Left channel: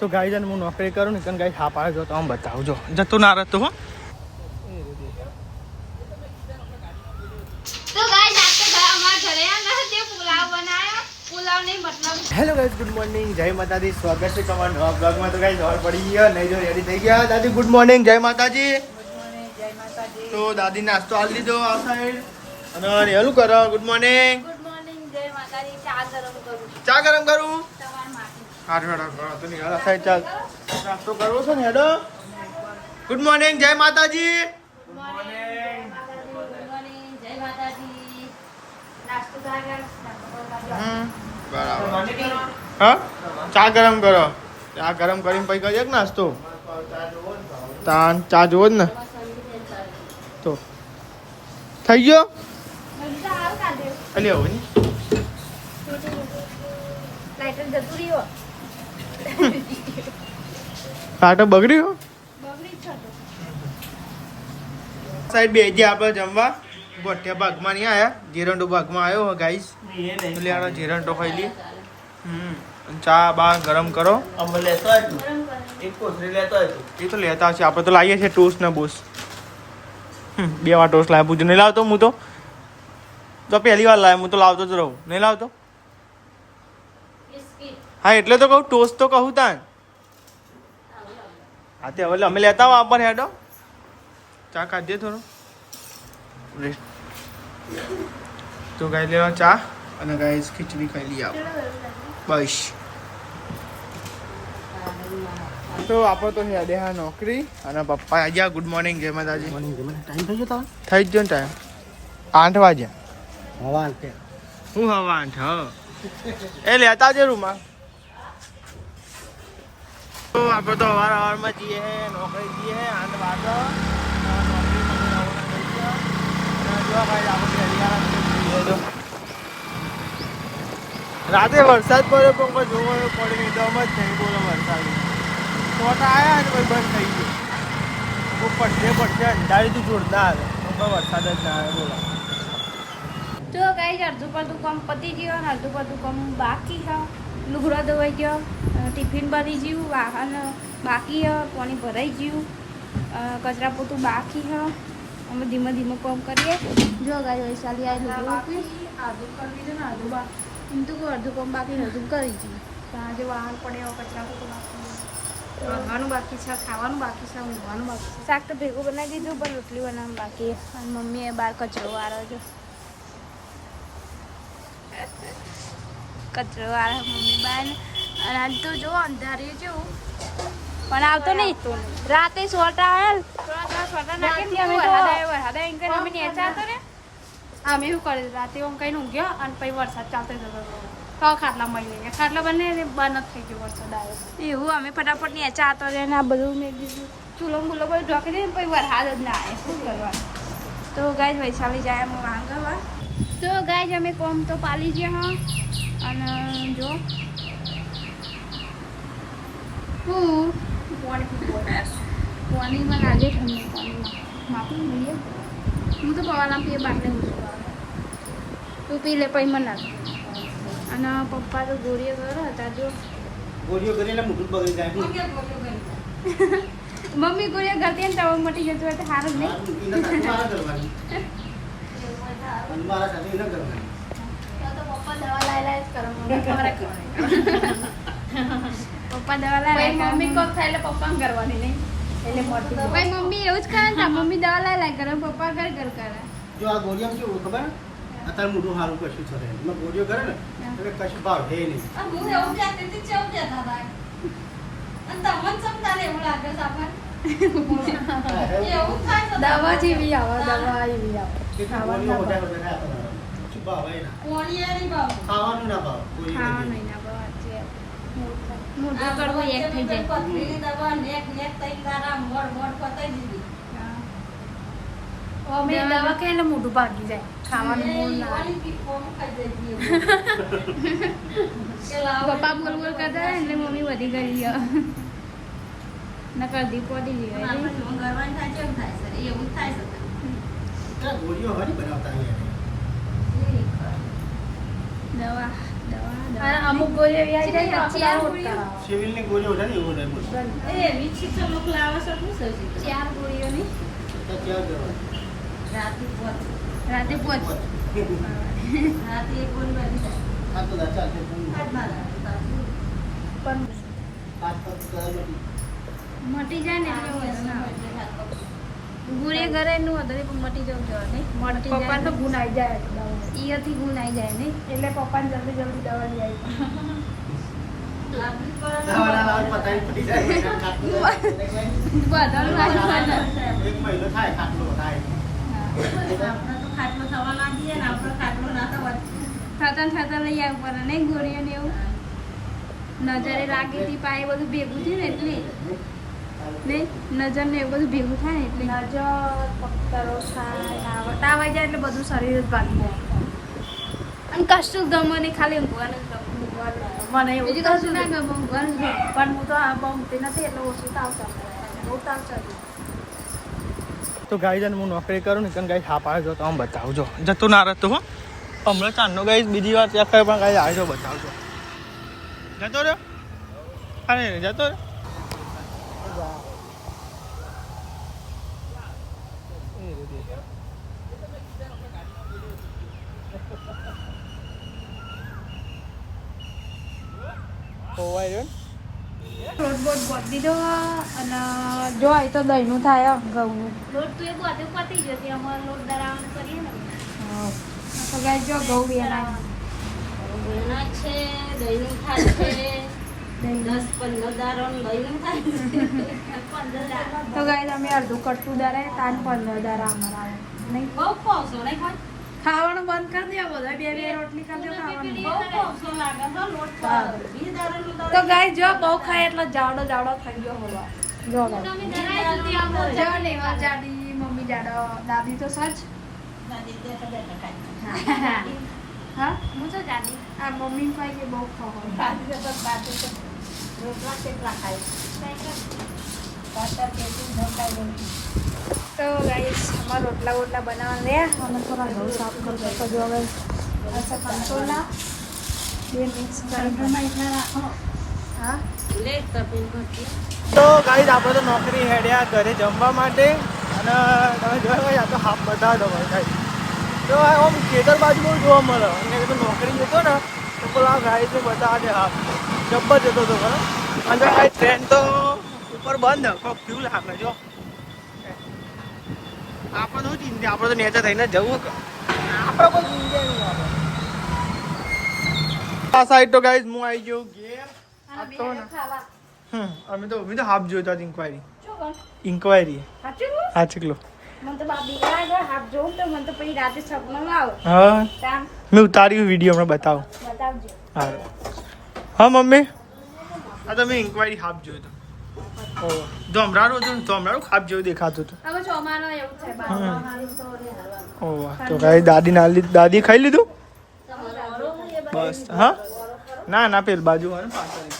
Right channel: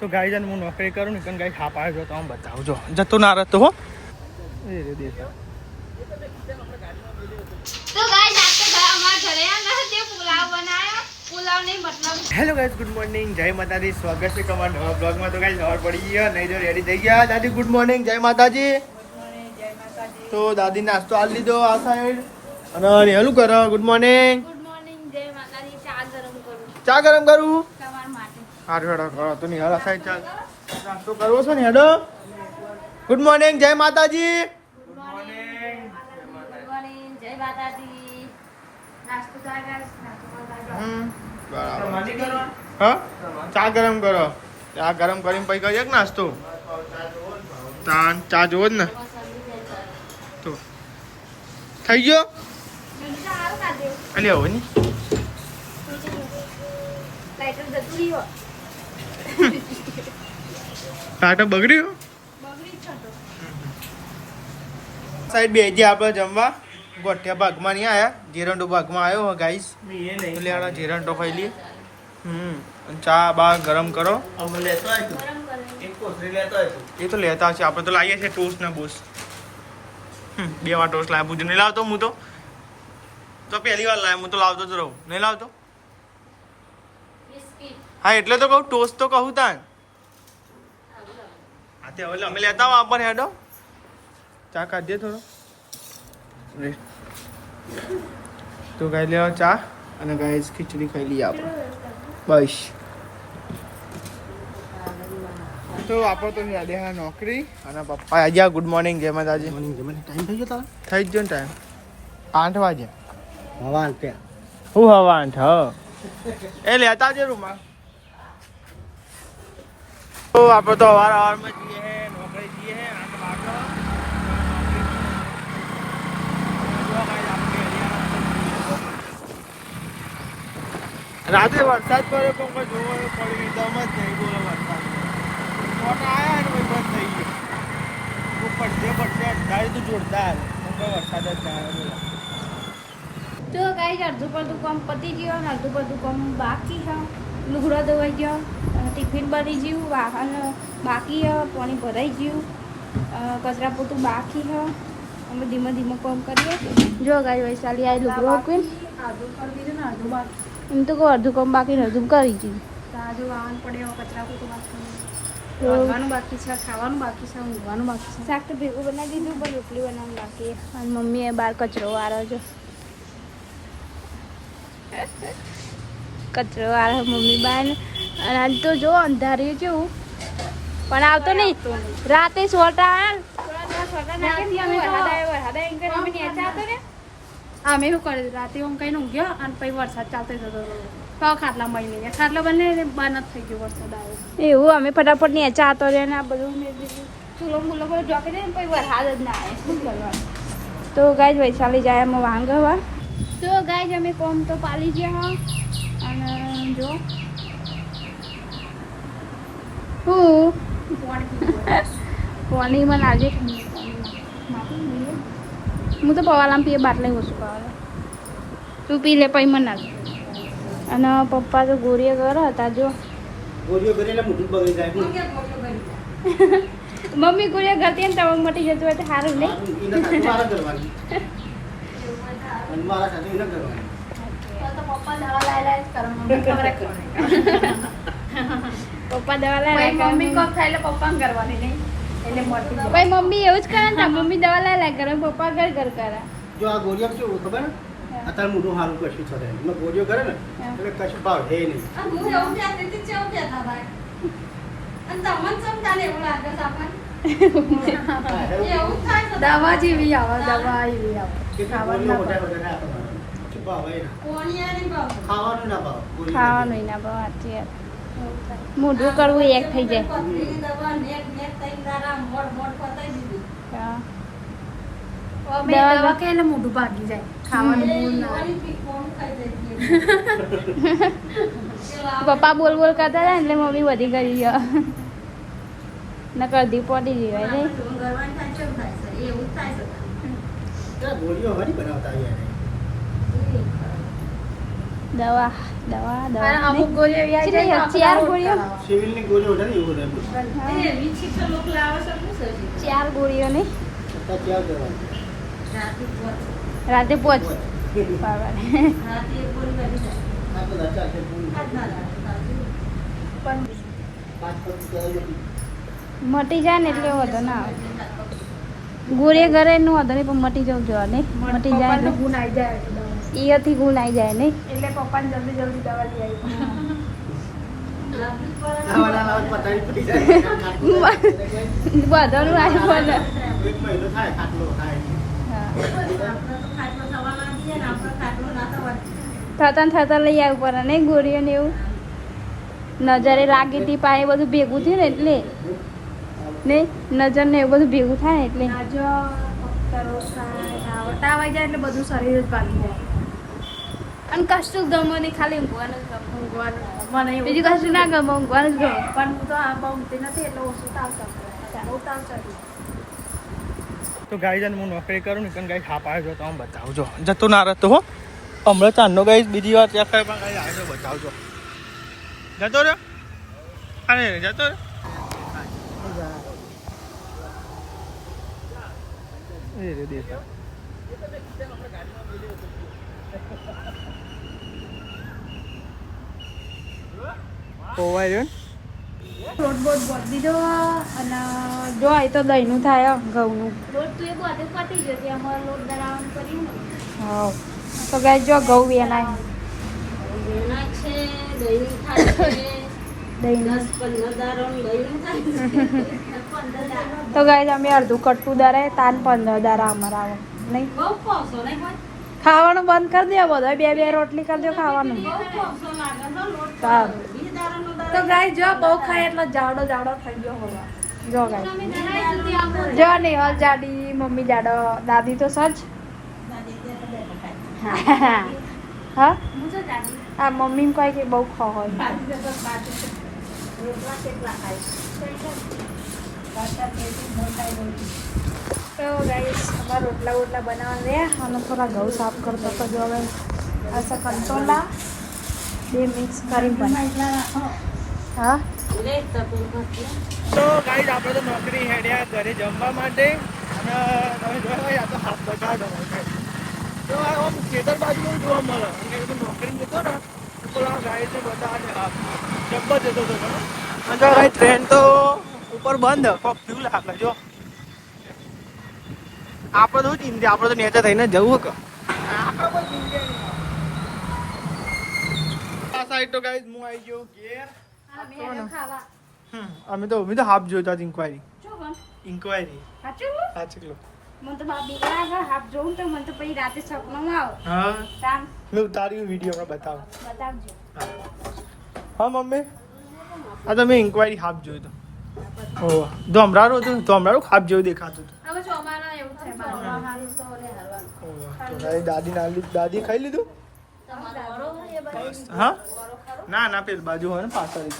તો ગાઈ જને હું નોકરી કરું ને કારણ ગાઈ હા પાડે જો તમે બતાવજો જતો ના રહેતો હો. તો ગાઈસ આપણે અમાર ઘરે આના તે પુલાવ બનાવ્યો. પુલાવ નહીં મતલબ હેલો ગાઈસ, ગુડ મોર્નિંગ, જય માતાજી. સ્વાગત છે તમારા નવા બ્લોગમાં. તો ગાઈસ સવાર પડી ગયા, નહીં જો રેડી થઈ ગયા. દાદી ગુડ મોર્નિંગ, જય માતાજી. તો દાદી નાસ્તો આલી લીધો આ સાઈડ અને હેલું કરો ગુડ મોર્નિંગ. ગુડ મોર્નિંગ, જય માતાજી. ચા ગરમ કરું ચા ગરમ કરું. તમારા માટે. હારું હેડો કરો તો નહીં આ સાઈડ ચાલ નાસ્તો કરવો છે ને હેડો. ગુડ મોર્નિંગ, જય માતાજી. ગુડ મોર્નિંગ, જય માતાજી. નાસ્તો ચા ગરમ બરાબર. હા ચા ગરમ કરો. ચા ગરમ કરીને પછી કરીએ નાસ્તો. ચા જોવો જ ને તો થઈ ગયો. અલી આવો ની લાઈટર જતું રહ્યો. ટાટા બગડ્યો. બગડી છે તો. સાઈડ બે ગયા આપણે જમવા. ગોઠિયા ભાગમાં નહીં આયા, જીરંડો ભાગમાં આવ્યો ગાઈસ. એટલે આનો જીરંડો ખાઈ લઈએ. અને ચા બા ગરમ કરો. એ તો લેતા હશે, આપણે તો લાવીએ છીએ ટોસ્ટ ને બૂસ. બે વાર ટોસ્ટ લાવ્યા. પૂછો નહીં લાવતો હું તો પહેલી વાર લાવ્યો. હું તો લાવતો જ રહું. નહીં લાવતો. હા એટલે તો કહું ટોસ્ટ તો કહું તાન. હા તે હવે અમે લેતા આવો આપણને હેડો. ચા કાઢીએ થોડો રેસ્ટ. તો ગાઈ લેવા ચા અને ગાઈસ ખીચડી ખાઈ લઈએ આપણે બસ. તો આપણે તો યાદ હા નોકરી અને પપ્પા આજે ગુડ મોર્નિંગ, જય માતાજી. ટાઈમ થઈ ગયો થઈ જ ગયો ને ટાઈમ 8 વાગ્યા. હવા આલતે હું હવા 8 હા એ લેતા જ રૂમમાં. તો આપણે તો અવારમાં જઈએ હે નોકરી જઈએ હે 8 વાગે. રાતે વરસાદ પડ્યો પણ કોઈ જોવો પડી નહીં દમ જ નહીં. બોલો વરસાદ મોટા આવ્યા ને કોઈ બંધ થઈ ગયું. પડશે અંધારી તું જોરદાર કોઈ વરસાદ જ ના આવે. બોલો તો ગાઈસ અડધું પડધું કામ પતી ગયું અને અડધું પડધું કામ બાકી છે. લુગડા ધોવાઈ ગયો, ટિફિન બની ગયું, વાહન બાકી છે, પાણી ભરાઈ ગયું, કચરા પોતું બાકી છે. અમે ધીમે ધીમે કામ કરીએ. જો ગાઈ વૈશાલી આ લુગડો આપી અડધું કરી દીધું ને અડધું બાકી. એમ તો કહું અડધું કામ બાકી અડધું કરી દીધું. આજે વાહન પડે કચરા પોતું બાકી, ખાવાનું બાકી છે, ખાવાનું બાકી છે, ઊંઘવાનું બાકી છે. શાક તો ભેગું બનાવી દીધું પણ રોટલી બનાવવાનું બાકી. અને મમ્મીએ બહાર કચરો વાળો છો. કચરો વાળો મમ્મી બહાર. અને આજ તો જો અંધાર્યું જેવું પણ આવતો નહીં. રાતે સોટા આવે સોટા નાખી વરસાદ આવ્યો અમે નેચા હતો ને અમે એવું કર્યું. રાતે આમ કઈ ઊંઘ્યો અને પછી વરસાદ ચાલતો જતો તો ખાટલા મળી લઈએ. ખાટલા બંને બંધ થઈ ગયો વરસાદ આવ્યો એવું. અમે ફટાફટ નેચા હતો રે આ બધું મેં દીધું. ચૂલો મુલો બધું ઢોકી દે પછી વરસાદ જ ના આવે. શું કરવાનું. તો ગાય વૈશાલી જાય અમે વાંગવા. તો ગાય અમે કોમ તો પાલી ગયા હા. અને જો હું પાણીમાં લાગે ઠંડુ પાણીમાં હું તો પવાલામાં પીએ બાટલે ઓછું આવે. તું પી લે પછી મને નાખે. અને પપ્પા તો ગોળીઓ કરે હતા. જો ગોળીઓ કરીને મોઢું બગડી જાય. મમ્મી ગોળીઓ કરતી ને તવંગ મટી જતું હોય તો સારું નહીં. પપ્પા દવા લાવે મમ્મી કોમ થાય એટલે પપ્પાને કરવાની નહીં. ભાઈ મમ્મી એવું જ કરે ને મમ્મી દવા લાવે કરે પપ્પા ઘર કરે. જો આ ગોળીઓ કેવું ખબર ને અત્યારે મોઢું સારું કશું થશે. એમાં ગોળીઓ કરે ને એટલે કશું ભાવ હે નહીં. દવા જેવી આવે. કેટલી ગોળીઓ હોટા આપણને શું ભાવ હે ના. ખાવાનું ના ભાવ. ખાવાનું ના ભાવ. મોઢું કરવું એક થઈ જાય. દવા કે એટલે મોઢું ભાગી જાય. ખાવાનું પપ્પા બોલ બોલ કરતા હતા એટલે મમ્મી બધી કરી ગયા ન કરદી પડી ગઈ. ગોળીઓ હરી બનાવતા દવા દવા દવા નહીં? 4 ગોળીઓ સિવિલની ગોળીઓ છે ને એવું બધું. 4 ગોળીઓ નહીં છતાં ક્યાં જવાનું? રાતે 5 આ તો દાચા છે. મટી જાય ને એટલે વધુ ના આવે ગોળીએ ઘરે નું વધુ નહીં પણ મટી જવું જોઈએ નહીં મટી જાય તો ગુણ આવી જાય એથી ગુણ આવી જાય નહીં એટલે પપ્પાને જલ્દી જલ્દી દવા દવાના લાવત પતાવી પડી જાય. બધાનું આવ્યું એક મહિનો થાય ખાટલો થાય. થતા લઈ આવવું પડે નહીં ગોળીઓ ને એવું નજરે લાગી હતી પાએ બધું ભેગું થયું ને એટલે નહીં નજર ને એવું બધું ભેગું થાય ને એટલે તાવ આવી જાય એટલે બધું શરીર જ ભાગી જાય અને કશું ગમે નહીં ખાલી ઊંઘવાનું જ ગમે મને બીજું કશું ના ગમે ઊંઘવાનું જ ગમે પણ હું તો આ બહુ ઊંઘતી નથી એટલે ઓછું તાવ ચડે બહુ તાવ ચડે તો ગાઈ જને હું નોકરી કરું ને કારણ ગાઈ હાપ આવ્યો તો આમ બતાવજો જતો ના રહેતો હો હમણાં ચાંદનો ગાઈ બીજી વાર ત્યાં થાય પણ ગાઈ આવ્યો બતાવજો જતો રહ્યો અરે જતો રહ્યો ખોવાઈ રહ્યો લોટ બોટ બોટ દીધો અને જો આ તો દહીંનું થાય ઘઉંનું લોટ તો એ બધું પતી જશે અમારે લોટ દરાવવાનું કરીએ ને હા તો ગાય જો ઘઉં વેનાય તો ગાય અમે અડધું કટતું દારે તાન 15 દારા અમારા આવે નહીં ખાવાનું બંધ કરી દે બધા બે રોટલી કરી દો ખાવાનું તો ગાય જો બહુ ખાય એટલે જાડો થઈ ગયો હોવા જો ગાય જો નેહલ જાડી મમ્મી જાડો દાદી તો સચ હા આ મમ્મી કહે કે બહુ ખા હોય તો ગાઈસ અમારા રોટલા બનાવવા રે અને થોડા ઘઉં સાફ કરતો તો જો હવે આ કંટોલા બે મિક્સ કરી હા તો ગાઈસ આપણે તો નોકરી હેડ્યા ઘરે જમવા માટે અને તમે જોયા હોય આ તો હાફ બતાવો તમે ગાઈસ તો આમ ખેતર બાજુ બહુ જોવા મળે અને કીધું નોકરી જતો ને તો પેલા ગાઈસ બતાવે છે હાફ જબ્બર જતો હતો ખરો અને જો ટ્રેન તો ઉપર બંધ કોક ફ્યુલ આપે જો આપણે તો ચિંતા આપણે તો નેચર થઈને જવું કે આપણે કોઈ ચિંતા નહીં આ સાઈડ તો ગાઈસ હું આવી ગયો ઘેર અમે તો હાફ જોઈતા જ ઇન્ક્વાયરી હા ચકલો મને તો બાબી લાગે હાથ જોઉં તો મને તો પછી રાતે સપનું આવે હા કામ મેં ઉતાર્યું વિડીયો હમણાં બતાવો બતાવજો હા મમ્મી આ તો મેં ઇન્ક્વાયરી હાફ જોયું તો જો હમણાં હતું તો હમણાં હાફ જેવું દેખાતું હતું હવે ચોમાનો એવું થાય બાબા મારી તો ને ઓહ તો ભાઈ દાદી ખાઈ લીધું બસ હા ના પેલ બાજુ હોય ને પાછળ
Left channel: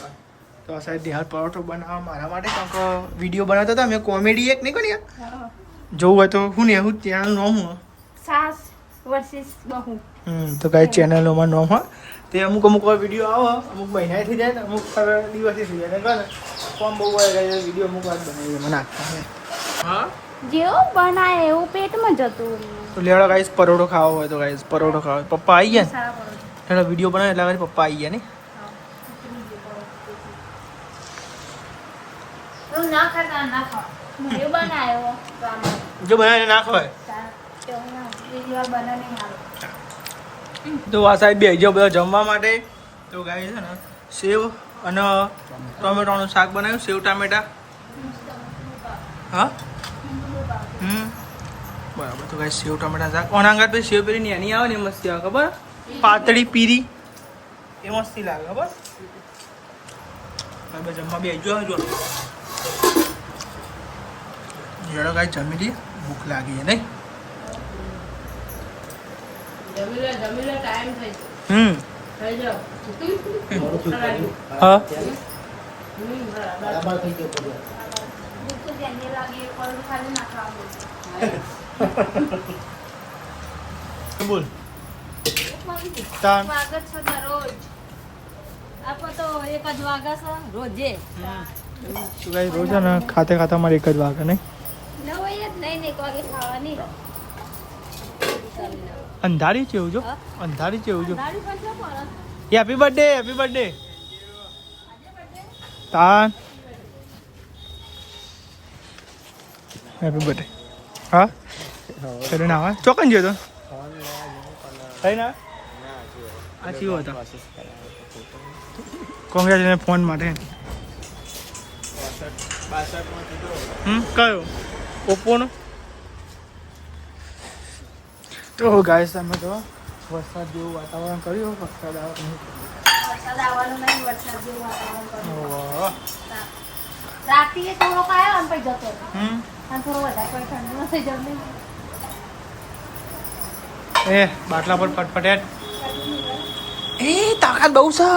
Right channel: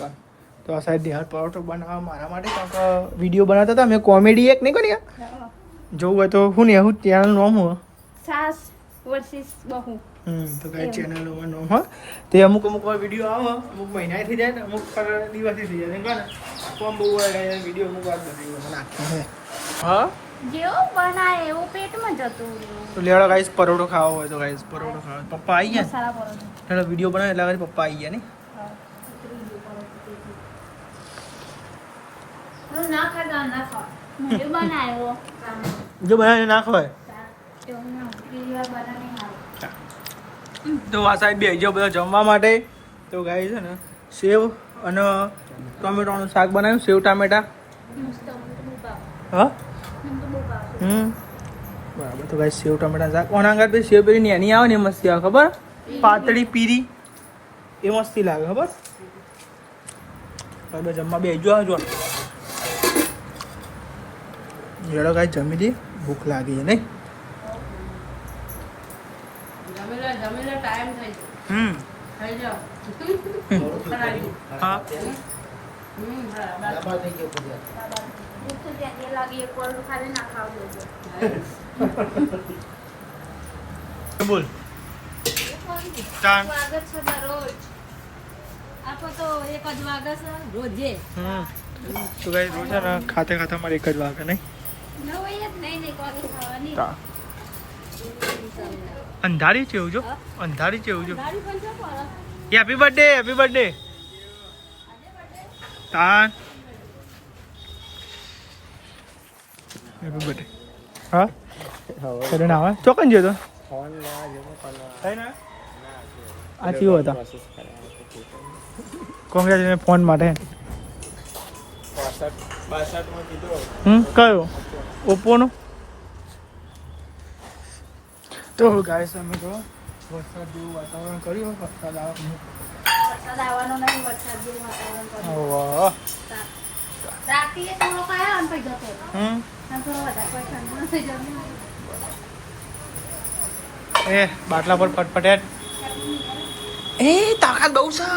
તો આ સાઈડ નિહાર પરોઠો બનાવવા મારા માટે કારણ કે વિડીયો બનાવતા હતા મેં કોમેડી એક નહીં કરી જોવું હોય તો હું ને હું ચેનલનું નામ હું સાસ વર્સિસ બહુ તો કાંઈ ચેનલોમાં નામ હા તે અમુક વિડીયો આવે અમુક મહિના થઈ જાય ને અમુક દિવસથી થઈ જાય ને ફોર્મ બહુ હોય વિડીયો અમુક વાર બનાવી નાખતો હે હા જેવું બનાવે એવું પેટમાં જતું તો લેવડો ગાઈસ પરોઠો ખાવો હોય તો ગાઈસ પરોઠો ખાવો પપ્પા આવી ગયા સારા પરોઠો એટલે વિડીયો બનાવે એટલે આગળ પપ્પા આવી ગયા ને ના ખાતા ના ખાવ એ બનાવ્યો જો બનાવીને નાખો હોય તો આ સાહેબ બે જો બધા જમવા માટે તો ગાઈસ છે ને સેવ અને ટોમેટોનું શાક બનાવ્યું સેવ ટામેટા હા બરાબર તો ગાઈસ સેવ ટમેટા શાક ઓનાંગાત પછી સેવ પેલી એની આવે ને મસ્તી આવે ખબર પાતળી પીરી એ મસ્તી લાગે ખબર બરાબર જમવા બે જો આવજો જેડો ગાઈસ જમી દઈએ ભૂખ લાગી છે નહીં જમી લે ટાઈમ થઈ થઈ જાઓ હા બરાબર થઈ ગયો બધું. બોલ તાન સ્વાગત છે દરરોજ. આપો તો એક જ વાગે છે રોજે. તો ગાઈસ રોજ છે ને ખાતે ખાતા મારે એક જ વાગે નહીં ન હોય જ નહીં ને એક વાગે ખાવાની. અંધારી છે એવું જો હા? અંધારી છે એવું જો ગાડી પણ છે પણ. હેપી બર્થડે હેપી બર્થડે તાન હેપી બર્થડે હા એટલે ના આવે ચોકન ગયો તો થઈ ના આ કેવો હતા કોંગ્રેચ્યુલેશન ફોન માટે કયો ઓપ્પોનો તો ગાઈસ અમે તો વરસાદ જેવું વાતાવરણ કર્યું વરસાદ આવે નહીં વરસાદ આવવાનો નહીં, વરસાદ જેવું વાતાવરણ કર્યું. વાહ રાત્રિએ થોડો આવ્યો આમ પછી જતો રહ્યો. હમ આમ થોડો વધારે પણ ઠંડો થઈ જમે. એ બાટલા પર ફટફટેટ એ તાકાત બહુ છે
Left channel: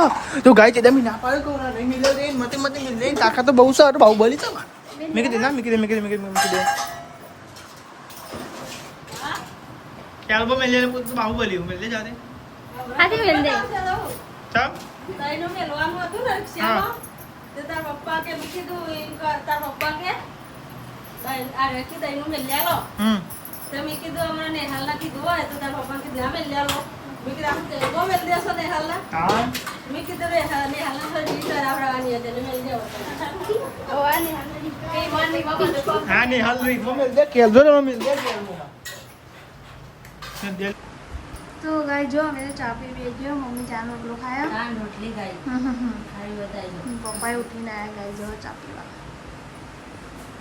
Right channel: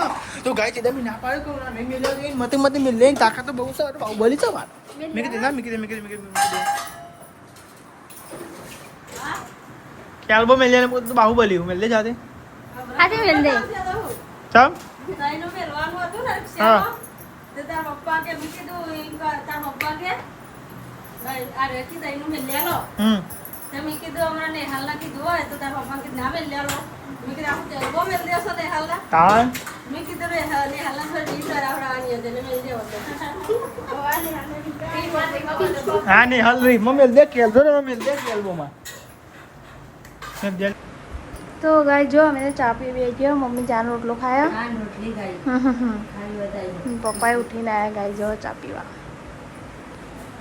તો ગાય છે તમે ના પાડ્યો કહું ના નહીં મિલ્યો રે મતે મતે મિલ લે તાકાત તો બહુ છે અરે બાહુબલી છે વાત મેં કીધું ના મેં કીધું એલ્બમ મિલ જાય ને તો બાહુબલી હું મિલ દે જાતે આજે મેલ દે. ચાલ તાઈનું મેલવાનું હતું ને હા. રિક્ષામાં. તો તાર પપ્પા કે મેં કીધું એમ કર, તાર પપ્પા કે આ રેખી તાઈનું મેલ લો. તો મેં કીધું હમણાં નેહાલના કીધું હોય તો તાર પપ્પા કીધું હા મેલ લો. મેં કીધું આમ તેલબો મેલ દેશો નેહાલના. તાણ મેં કીધું નેહાલના થોડી ડીશ કરાવડાવવાની હતી એટલે મેલ દેવો. એ મને ખબર. હા ને હાલ રી મમ્મી મિલ દે કેલજો ને મિલ દે કેલ્બોમાં મિલ દે તો ગાય જો અમે ચા પી બે ગયો મમ્મી ચાનો રોટલો ખાયો હા રોટલી ખાઈ ખાઈ બતાવી. પપ્પાએ ઉઠીને આવ્યા ગાય જો ચા પીવા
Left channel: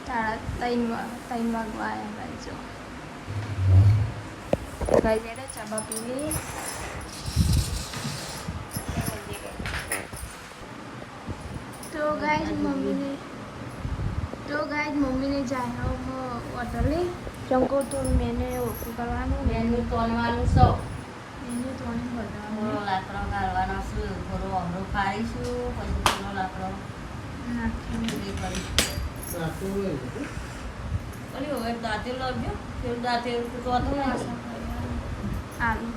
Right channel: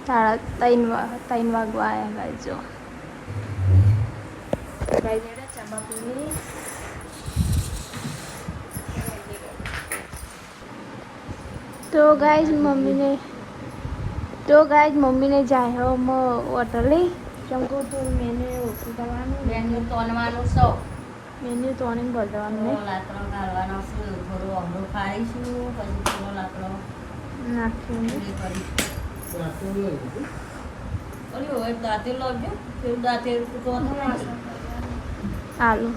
3 વાગવા આવ્યા ગાય જો ગાય ને ચા પીવી તો ગાય મમ્મીને જાય હોટલે ચમકો તો મેને ઓછું કરવાનું બેનનું તોલવાનું છે. મેન્યુ તોડીને ભરવાનું થોડો લાકડો ગાળવાનો છે. થોડું અમરું ખાઈશું પછી થોડો લાકડો નાખીને પૂરી કરીશું. ઓલી હોય દાંતેલ લાવજો. પેલું દાંતેલ તો નથી આવશે. આલુ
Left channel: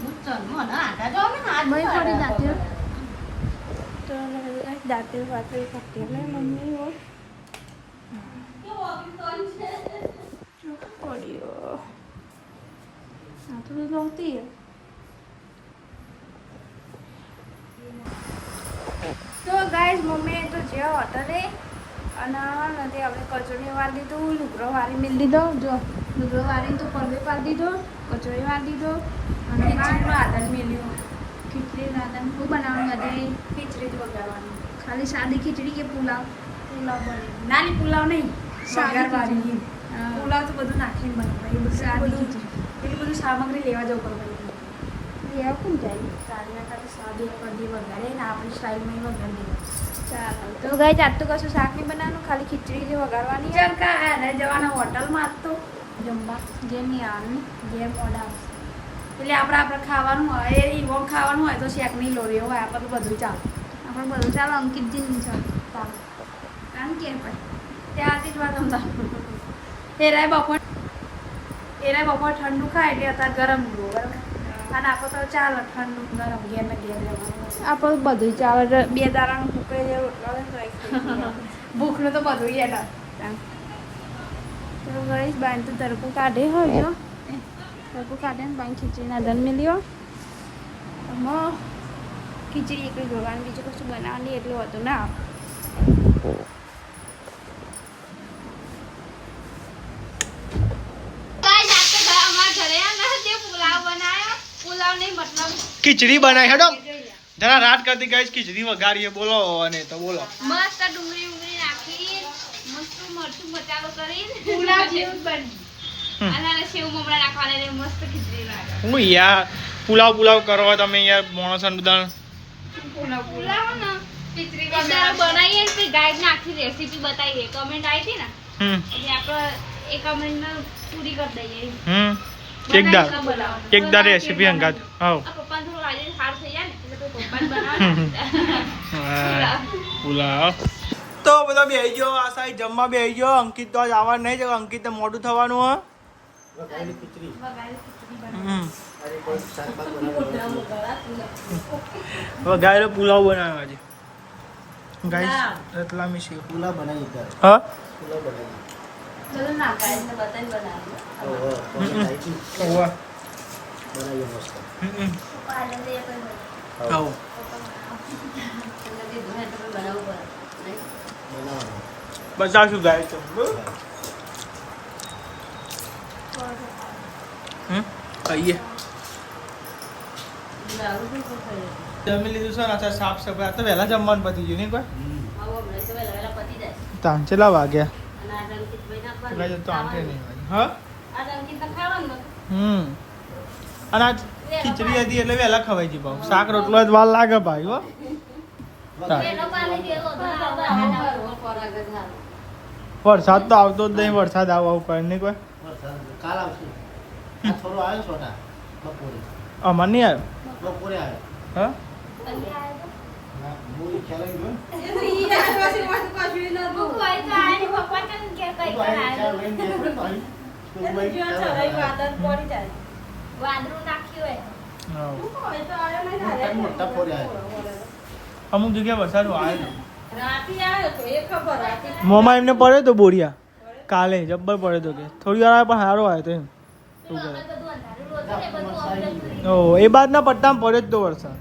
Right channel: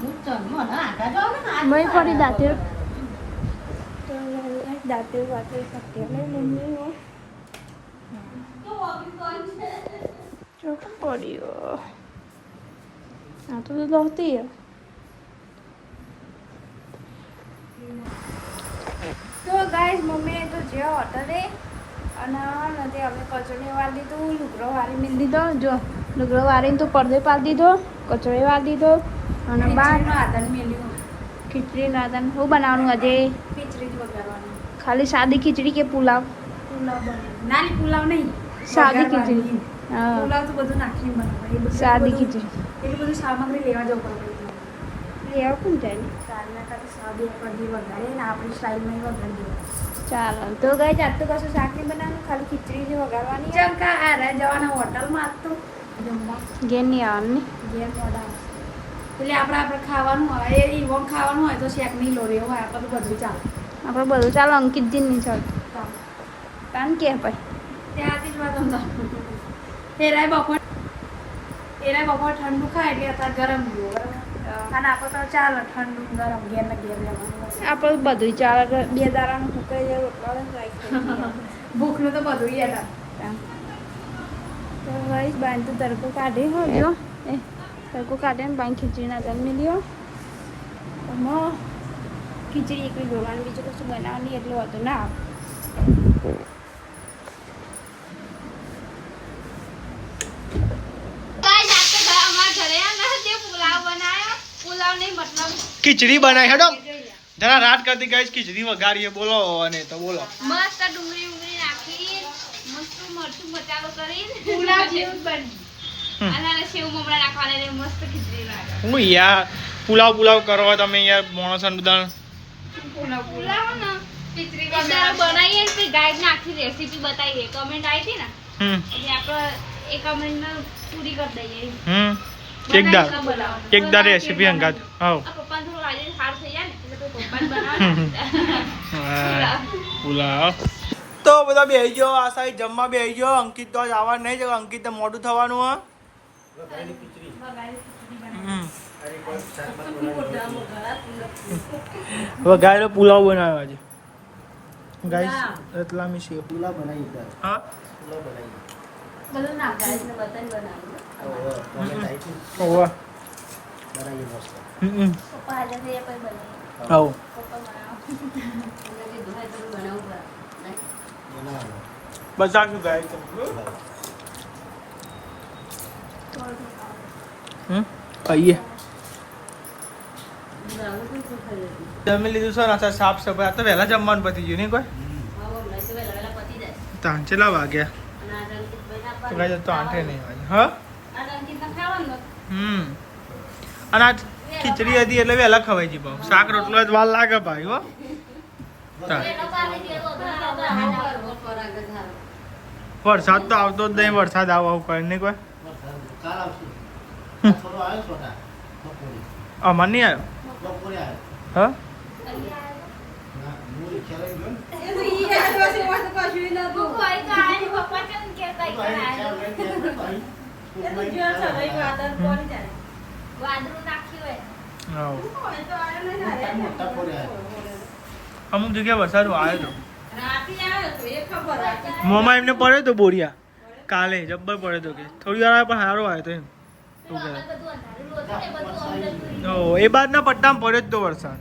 હું ચંદમાં ના આટા જો ને હાથ મય પર. પડી દાંતેલ તો દાંતેલ વાતેલ ખાતી ને મમ્મી હો કેવો અભિમાન છે. ચોક પડ્યો આ તો દોતી તો ગાઈસ મમ્મીએ તો જે હોટલે અને નથી આપણે કચોરી વાર દીધું લુગડો વારી મિલ દીધો જો લુગડો વારીને તો પડદે પાડી દીધો કચોરી વાર દીધો અને ખીચડીનો આધાર મેલ્યો. ખીચડી રાધન શું બનાવવાનું આજે ખીચડી જ વઘારવાની. ખાલી સાદી ખીચડી કે પુલાવ પુલાવ બને. નાની પુલાવ નહીં. સાદી વઘારવાની. ખીચડી હા પુલાવ તો બધું નાખીને બનાવાય. એ બધું સાદી બધું- ખીચડી એટલી બધી સામગ્રી લેવા જવું પડે. લેવા કોણ જાય સાડીના સાથે સાદી કઢી વઘારે ને આપણી સ્ટાઇલમાં એ વઘારી દેવાનું. ચાલો તો ગાઈસ આજ તો કશું શાક નહીં બનાવવાનું ખાલી ખીચડી જે વઘારવાની જેમ કે આને જવાના હોટલમાં આજ તો જમવા ઘેર નહીં આવવાની ઘેર મોડા આવશે. એટલે આપણે ખાવાનું હોય એ ઈવોન ખાવાનું હોય તો શેક નહીં લોરી હોય આપણે તો બધું ચાલે. આપણે બધું ચાલો અંકિતજી નહીં ચાલો ચાલે. કારણ કે ભાઈ ત્યારથી જ વાત સમજાવ. એરાય બપોર ઠંડુ ખાય એટલે અત્યારે ગરમ જુઓ બરાબર. અને આપણે તો ચાલે ઠંડુ ગરમ ઘેર ને ઘેર લેવાનું. આપણે બધું ચાલે 2 દાડાનું ફૂકાઈ જાય રોટલા ને ભૂખને તો બધું યાદ તો ગાઈસ બાન તો તડકો કાઢે હોય જો એ તડકો કાઢે ને બાન ખીચડીના જન્મી લ્યો તો ખીચડી એકલી જોડવાની બીજું કશું બનાવવાની એટલું હતું ના ખીચડી બનાવી હેડો જરા રાત કરતી ગાઈસ ખીચડી વઘારીએ બોલો અને તો બોલો મસ્ત ડુંગળી ઉંગળી નાખી મસ્ત મરચું મસાલો કરી પુલાવ જેવું બની અને સેવ મમરા નાખવાના એટલે મસ્ત ખીચડી લાગે. હું યાર પુલાવ કરો તમે યાર માણસ બધા પુલાવ ને ખીચડી બનાવીએ તો ગાઈડ ને આખી રેસીપી બતાવીએ. કમેન્ટ આવી હતી ને એટલે આપણે એ કમેન્ટ પૂરી કરી દઈએ. એકદાર રેસીપી હંગાત હા પપ્પાને થોડું આજે સારું થઈ જાય ને એટલે પપ્પાને બનાવવાના પુલાવ તો બધા બેહી ગયો આ સાઈડ જમવા બેહી ગયો અંકિત તો આજ આવવાનું નહીં છે અંકિત મોડું થવાનું વઘારેલો પુલાવ બનાવ્યો આજે ગાઈસ રતલામી સેવ પુલાવ બનાવી દે. હા પુલાવ બનાવી. બધું નાખાય એટલે બધાને બનાવ્યું. ઓહો, કોને ખાઈશું? ઓવા બનાવીએ મસ્ત. આજે તો એ પણ બનાવ્યું. આવો બનાવવાનું. બતાવશું ગાઈસ તમને ખાઈએ જમી લીધું છે ને અત્યારે સાફ સફાઈ આ તો વહેલા જમવાનું પતી ગયું નહીં કોઈ તાન કેટલા વાગ્યા તો કાંઈ તો 8 નહીં વાગે હા અને આજ ખીચડી હતી એટલે વહેલા ખવાઈ ગઈ ભાવ શાક રોટલો જ વાર લાગે ભાઈ હો વરસાદ તો આવતો જ નહીં વરસાદ આવું કરે નહીં કોઈ કાલ આવશે. થોડો આવ્યો છોટા. બપોરે. અમાર નહીં આવ્યો બપોરે આવ્યો. હા ના, હું ખ્યાલ ગયો. મોટા ફોરે આવ્યો. અમુક જગ્યાએ વરસાદ આવ્યો હતો મોમાં એમને પડ્યો તો બોરિયા કાલે જબ્બર પડ્યો તો કે થોડી વાર પણ સારો આવ્યો તો એમ શું કહે ઓ એ બાદના પટ્ટામાં પડ્યો જ તો વરસાદ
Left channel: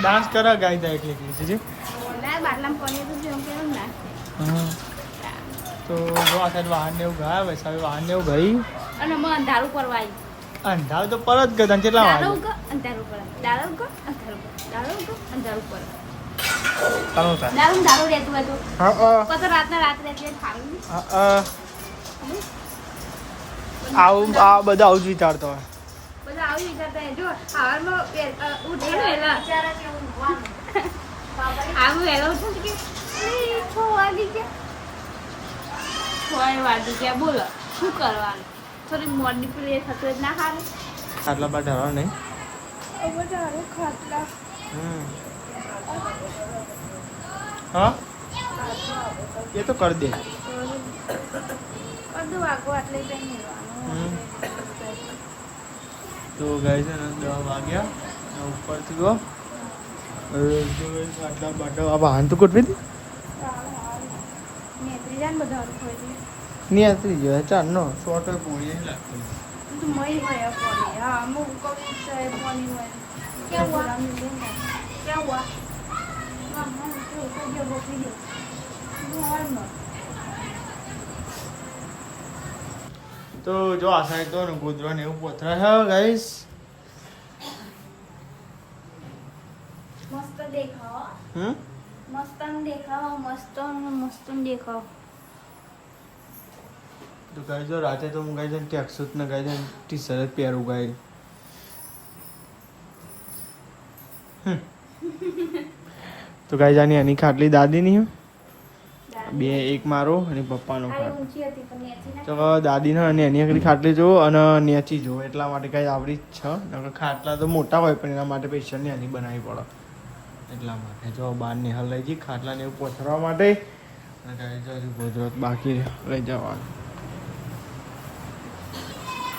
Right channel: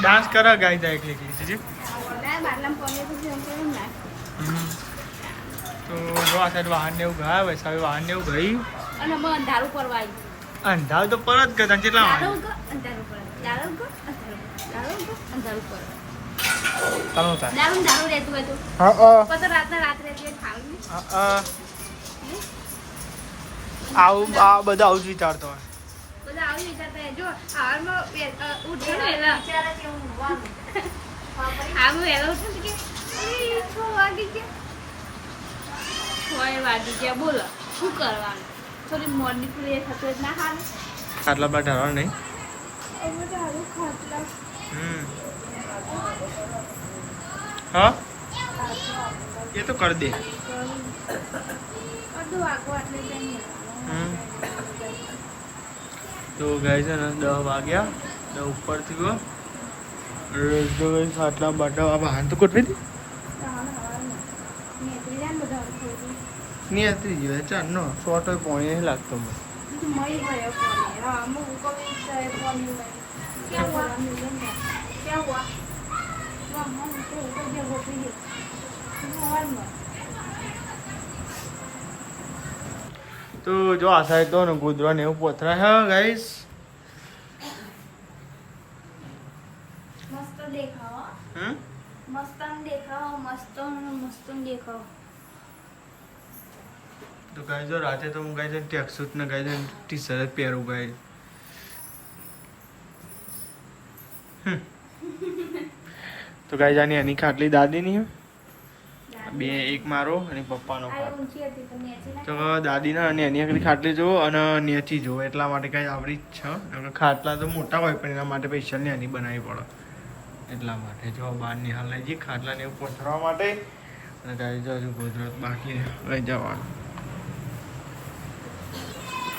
ડાન્સ કરા ગાઈ જાય એટલે જી તો જો આ સાઈડ વાહન ને એવું ગયા વૈસાવી વાહન ને એવું ગઈ અને અમે અંધારું પરવા આવી. અંધારું તો પરત ગયો તને કેટલા વાગે અંધારું પર દારૂ કો અંધારું પર કાનો થાય દારૂ રહેતું હોય તો હા પછી રાત્રે એટલે ખાવું આવું આ બધા આવું જ વિચારતો હોય બધા આવી વિચારતા હોય. જો સવારમાં ઉઠે ને વહેલા આવું વહેલા ઉઠું કે 6 વાગી ગયા 6 વાગી ગયા બોલો શું કરવાનું થોડી મોર્નિંગ પ્રે થતું હોય ના ખાવું આટલા બધા ઢાળવા નહીં દારૂ ખાટલા હા એ તો કરી દે અડધું વાગો એટલે જઈ તો ગાય છે ને 10 વાગ્યા ને ઉપરથી ગયો આટલા બાટા આ વાહન તો કેટલી નેત્રી જાન બધા નહીં આતરી ગયો ચારનો શોર્ટર પોણી નહીં લાગતો મને મય હોય પાણી હા અમુક કવિ પાણી હોય क्या हुआ क्या हुआ हम तो ऊपर जो रोपी है और में તો જો આ સાઈડ તો ને ગોદરા ને એવું પોથરા છે ગાઈસ मस्त देखाओ मस्त देखाओ તો ગાઈસ જો રાતે તો હું ગાઈસ ટેક્સ સૂટ ને ગાઈસ ટી શર્ટ પહેરું ગાઈસ તો ગાઈસ આની આની ખાટલી દાદીની બે એક મારો અને પપ્પાનો આ ઊંચી હતી પણ નેચી ના તો દાદીનો અને એની એકની ખાટલી જો અને નેચી જો એટલા માટે કઈ આવડી જ છે નકર ખાટલા તો મોટા હોય પણ એના માટે સ્પેશિયલ ને એની બનાવવી પડે એટલા માટે જો બહાર ને લઈ જઈ ખાટલા ને એવું પોતરવા માટે અને ગાઈ જો હજુ ગોદરત બાકી લઈ જવાનું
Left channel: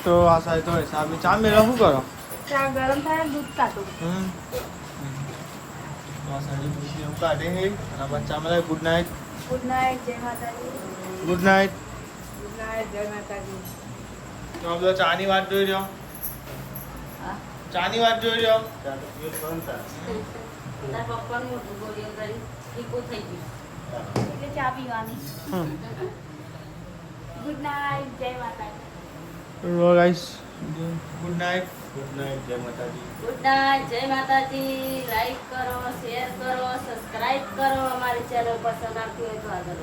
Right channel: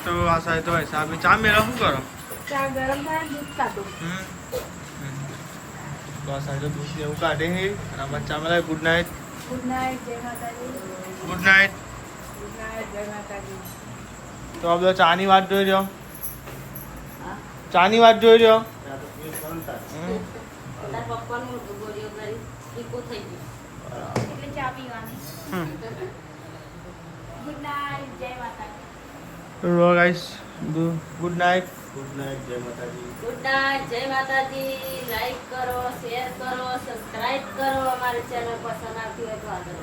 તો આ સાહેબ તો હિસાબે ચા મેળો શું કરો ચા ગરમ થાય દૂધ કાઢો તો આ સાહેબ દૂધ ને એવું કાઢે છે અને આ બચ્ચા બધા ગુડ નાઇટ ગુડ નાઇટ જય માતાજી ગુડ નાઇટ જય માતાજી તો આ બધો ચાની વાત જોઈ રહ્યો ચાની વાત જોઈ રહ્યો એટલે ચા પીવાની ગુડ નાઇટ જય માતાજી તો ગાઈસ ગુડ નાઇટ જય માતાજી. ગુડ નાઇટ જય માતાજી લાઈક કરો શેર કરો સબસ્ક્રાઇબ કરો અમારી ચેનલ પસંદ આવતી હોય તો આગળ